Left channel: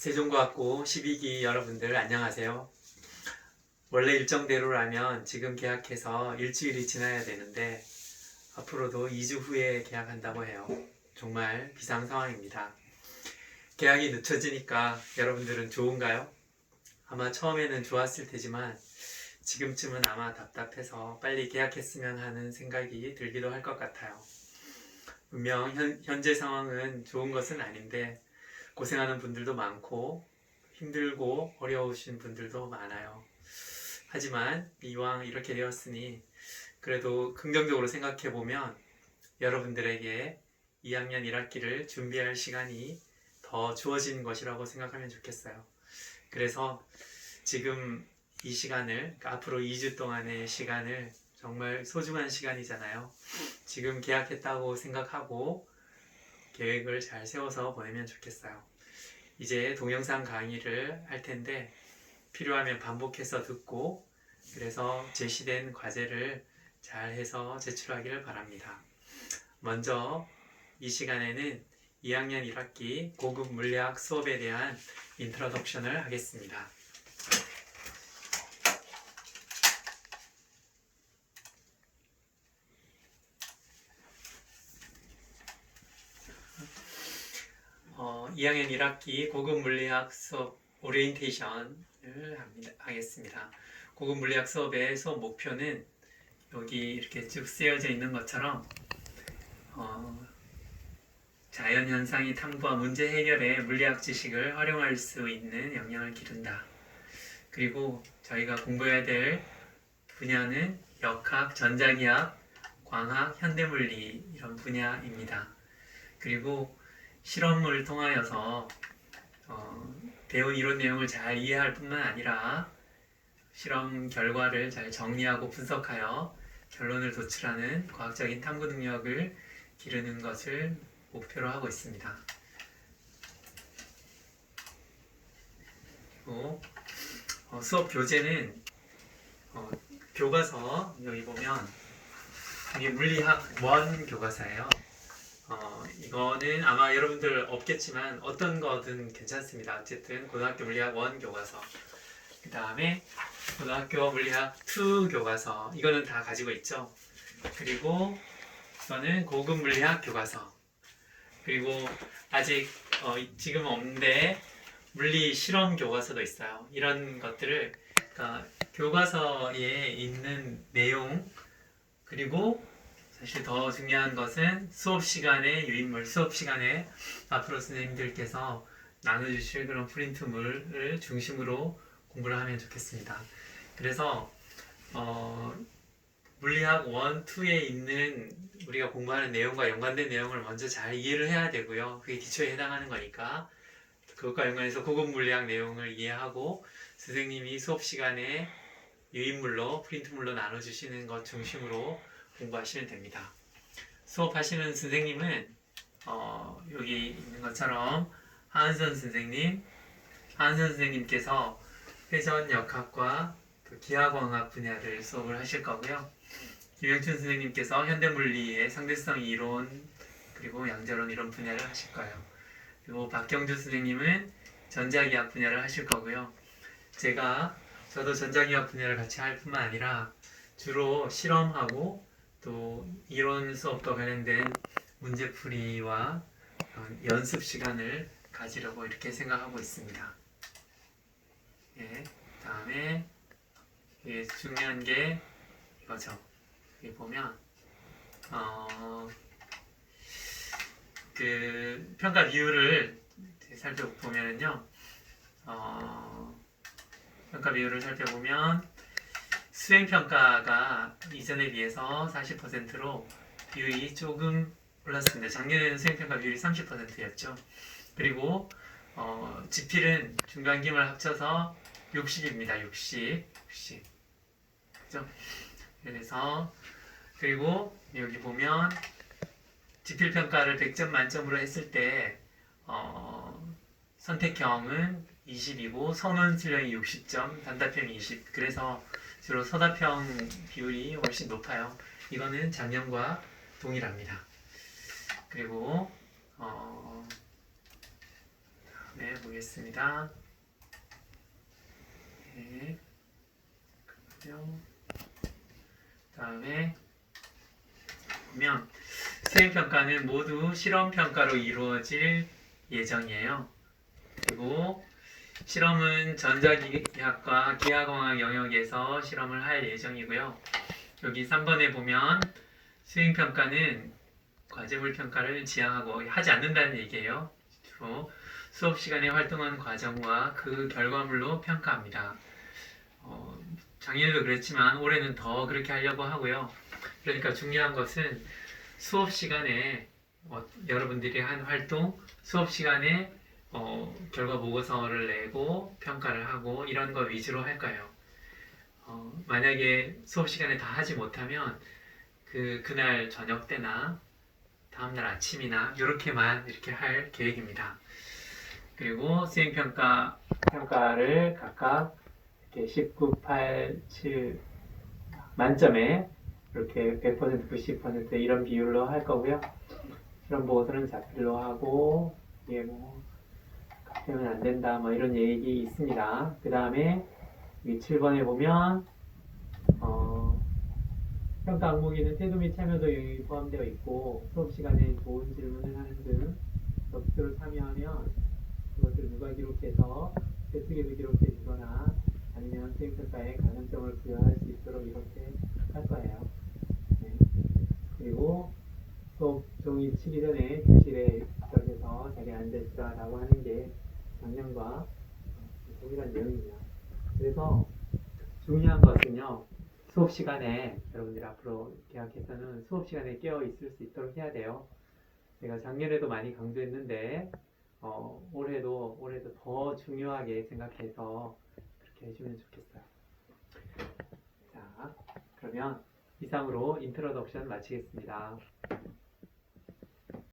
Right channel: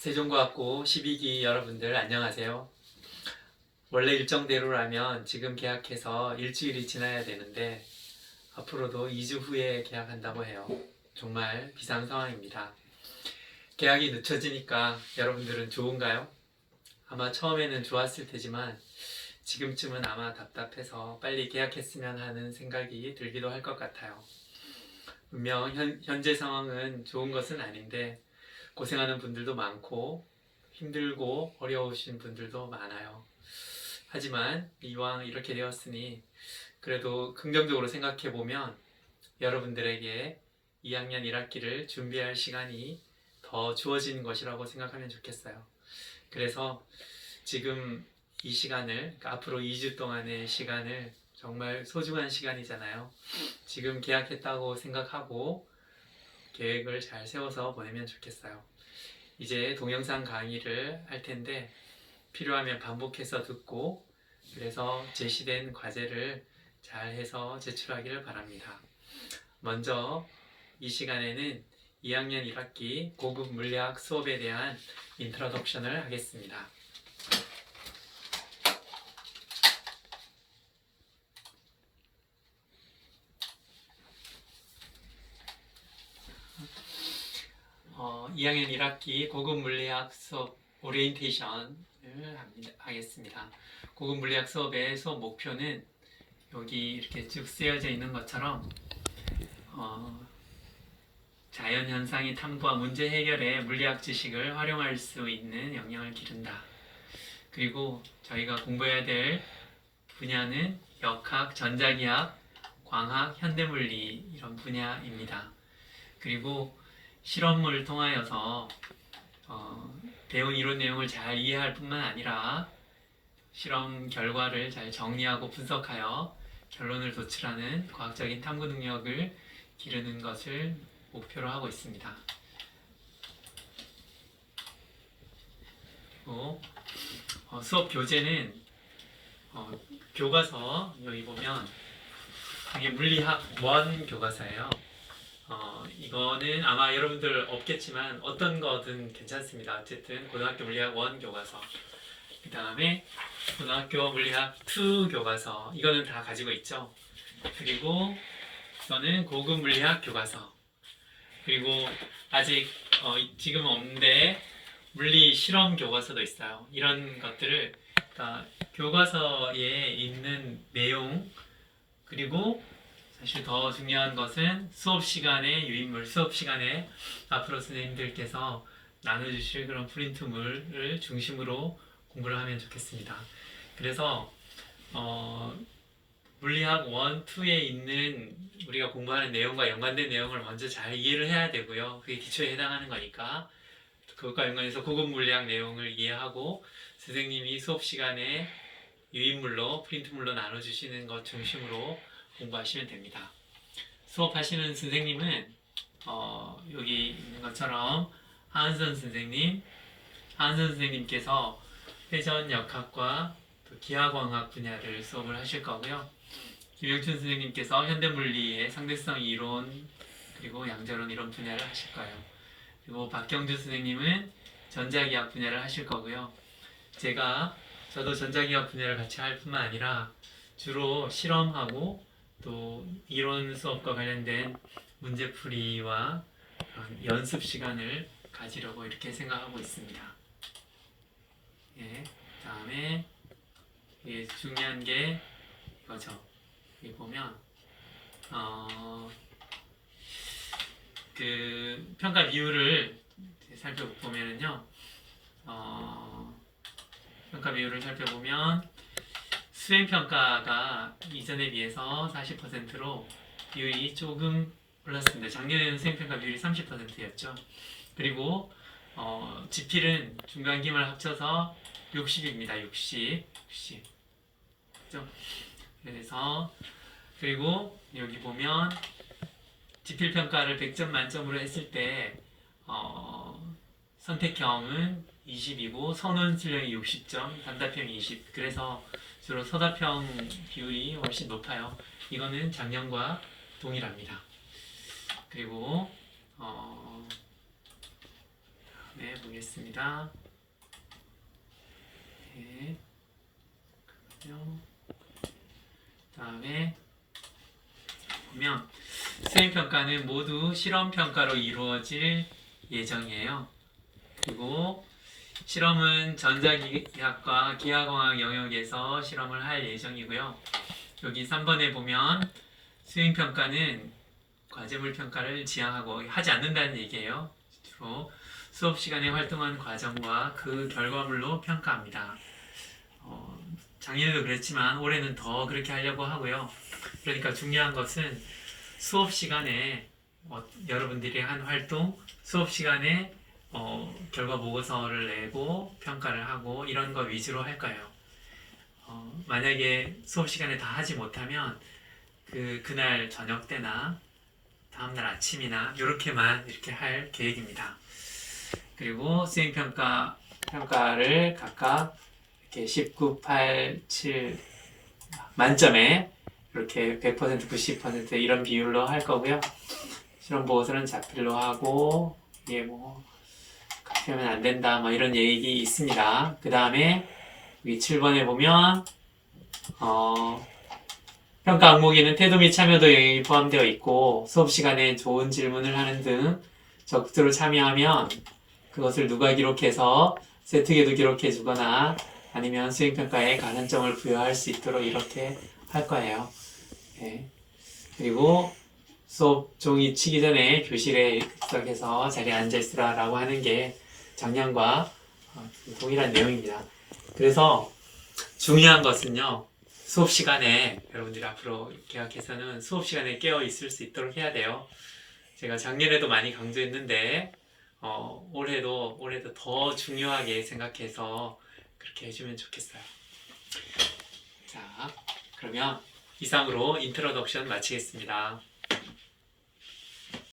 세종과학고 12기 여러분들 안녕하세요. 원래 일정대로라면 지금 계약해서 일주일이 지나야 되는데 앞으로도 2주 후에 계약한다고 해요. 정말 비상 상황입니다. 계약이 늦춰지니까 여러분들은 좋은가요? 아마 처음에는 좋았을 테지만 지금쯤은 아마 답답해서 빨리 계약했으면 하는 생각이 들기도 할 것 같아요. 분명 현, 현재 상황은 좋은 것은 아닌데 고생하는 분들도 많고 힘들고 어려우신 분들도 많아요. 하지만 이왕 이렇게 되었으니 그래도 긍정적으로 생각해 보면 여러분들에게 2학년 1학기를 준비할 시간이 더 주어진 것이라고 생각하면 좋겠어요. 그래서 지금 이 시간을 그러니까 앞으로 2주 동안의 시간을 정말 소중한 시간이잖아요. 지금 계약했다고 생각하고 계획을 잘 세워서 보내면 좋겠어요. 이제 동영상 강의를 할 텐데 필요하면 반복해서 듣고 그래서 제시된 과제를 잘 해서 제출하기를 바랍니다. 먼저 이 시간에는 2학년 1학기 고급 물리학 수업에 대한 인트로덕션을 하겠습니다. 어, 2학년 1학기 고급 물리학 수업 오리엔테이션을 합니다, 하겠습니다. 고급 물리학 수업의 수업 목표는 여기 이렇게 쭉 쓰여져 있는 것처럼 어, 자연 현상의 탐구와 문제 해결에 물리학 지식을 활용할 수 있는 역량을 기른다. 그리고 저희가 공부해야 될 분야는 역학, 전자기학, 광학, 현대물리 이런 분야입니다. 그리고 실험을 통하여서 어, 배운 이론 내용을 잘 이해할 뿐만 아니라 실험 결과를 잘 정리하고 분석하여 결론을 도출하는 과학적인 탐구 능력을 기르는 것을 목표로 하고 있습니다. 그리고 어, 수업 교재는 어, 교과서 여기 보면 이게 물리학 원 교과서예요. 어, 이거는 아마 여러분들 없겠지만 어떤 거든 괜찮습니다. 어쨌든 고등학교 물리학 원 교과서. 그 다음에 고등학교 물리학 2 교과서. 이거는 다 가지고 있죠. 그리고 이거는 고급 물리학 교과서. 그리고 아직 어, 지금 없는데 물리 실험 교과서도 있어요. 이런 것들을 그러니까 교과서에 있는 내용 그리고 사실 더 중요한 것은 수업 시간에 유인물, 수업 시간에 앞으로 선생님들께서 나눠주실 그런 프린트물을 중심으로 공부를 하면 좋겠습니다. 그래서 어, 물리학 1, 2에 있는 우리가 공부하는 내용과 연관된 내용을 먼저 잘 이해를 해야 되고요. 그게 기초에 해당하는 거니까 그것과 연관해서 고급 물리학 내용을 이해하고 선생님이 수업 시간에 유인물로 프린트물로 나눠주시는 것 중심으로 공부하시면 됩니다. 수업하시는 선생님은 어, 여기 있는 것처럼 하은선 선생님, 하은선 선생님께서 회전 역학과 또 기하광학 분야를 수업을 하실 거고요. 김영춘 선생님께서 현대물리의 상대성 이론 그리고 양자론 이런 분야를 하실 거예요. 그리고 박경주 선생님은 전자기학 분야를 하실 거고요. 제가 저도 전자기학 분야를 같이 할 뿐만 아니라 주로 실험하고 또 이론 수업과 관련된 문제풀이와 연습 시간을 가지려고 이렇게 생각하고 있습니다. 예, 다음에 예, 중요한 게 이거죠. 여기 보면 어, 그 평가 비율을 살펴보면은요, 어, 평가 비율을 살펴보면 수행 평가가 이전에 비해서 40%로 비율이 조금 올랐습니다. 작년에는 수행 평가 비율이 30%였죠. 그리고 어, 지필은 중간 기말 합쳐서 60입니다. 60, 60. 그죠? 그래서 그리고 여기 보면 지필 평가를 100점 만점으로 했을 때 어, 선택형은 20이고 선원 수령이 60점, 단답형이 20. 그래서 주로 서답형 비율이 훨씬 높아요. 이거는 작년과 동일합니다. 그리고 어, 네, 네, 보겠습니다. 네. 그러면 다음에 보면 수행 평가는 모두 실험 평가로 이루어질 예정이에요. 그리고 실험은 전자기학과 기하공학 영역에서 실험을 할 예정이고요. 여기 3번에 보면 수행 평가는 과제물 평가를 지향하고 하지 않는다는 얘기예요. 주로 수업 시간에 활동한 과정과 그 결과물로 평가합니다. 어, 작년에도 그랬지만 올해는 더 그렇게 하려고 하고요. 그러니까 중요한 것은 수업 시간에 어, 여러분들이 한 활동, 수업 시간에 어, 결과 보고서를 내고 평가를 하고 이런 거 위주로 할 거예요. 어, 만약에 수업 시간에 다 하지 못하면 그 그날 저녁 때나 다음날 아침이나 이렇게만 이렇게 할 계획입니다. 그리고 수행 평가 평가를 각각 이렇게 19, 8, 7 만점에 이렇게 100%, 90% 이런 비율로 할 거고요. 실험 보고서는 자필로 하고 이게 뭐 하면 안 된다 뭐 이런 얘기 있습니다. 그 다음에 여기 7번에 보면 어, 평가 항목에는 태도 및 참여도 영역이 포함되어 있고 수업 시간에 좋은 질문을 하는 등 적극적으로 참여하면 그것을 누가 기록해서 세트에도 기록해 주거나 아니면 수행평가에 가산점을 부여할 수 있도록 이렇게 할 거예요. 예. 그리고 수업 종이 치기 전에 교실에 급석해서 자리에 앉아 있으라라고 하는 게 작년과 어, 동일한 내용입니다. 그래서 중요한 것은요. 수업 시간에 여러분들이 앞으로 계약해서는 수업 시간에 깨어 있을 수 있도록 해야 돼요. 제가 작년에도 많이 강조했는데 어, 올해도 올해도 더 중요하게 생각해서 그렇게 해주면 좋겠어요. 자, 그러면 이상으로 인트로덕션 마치겠습니다.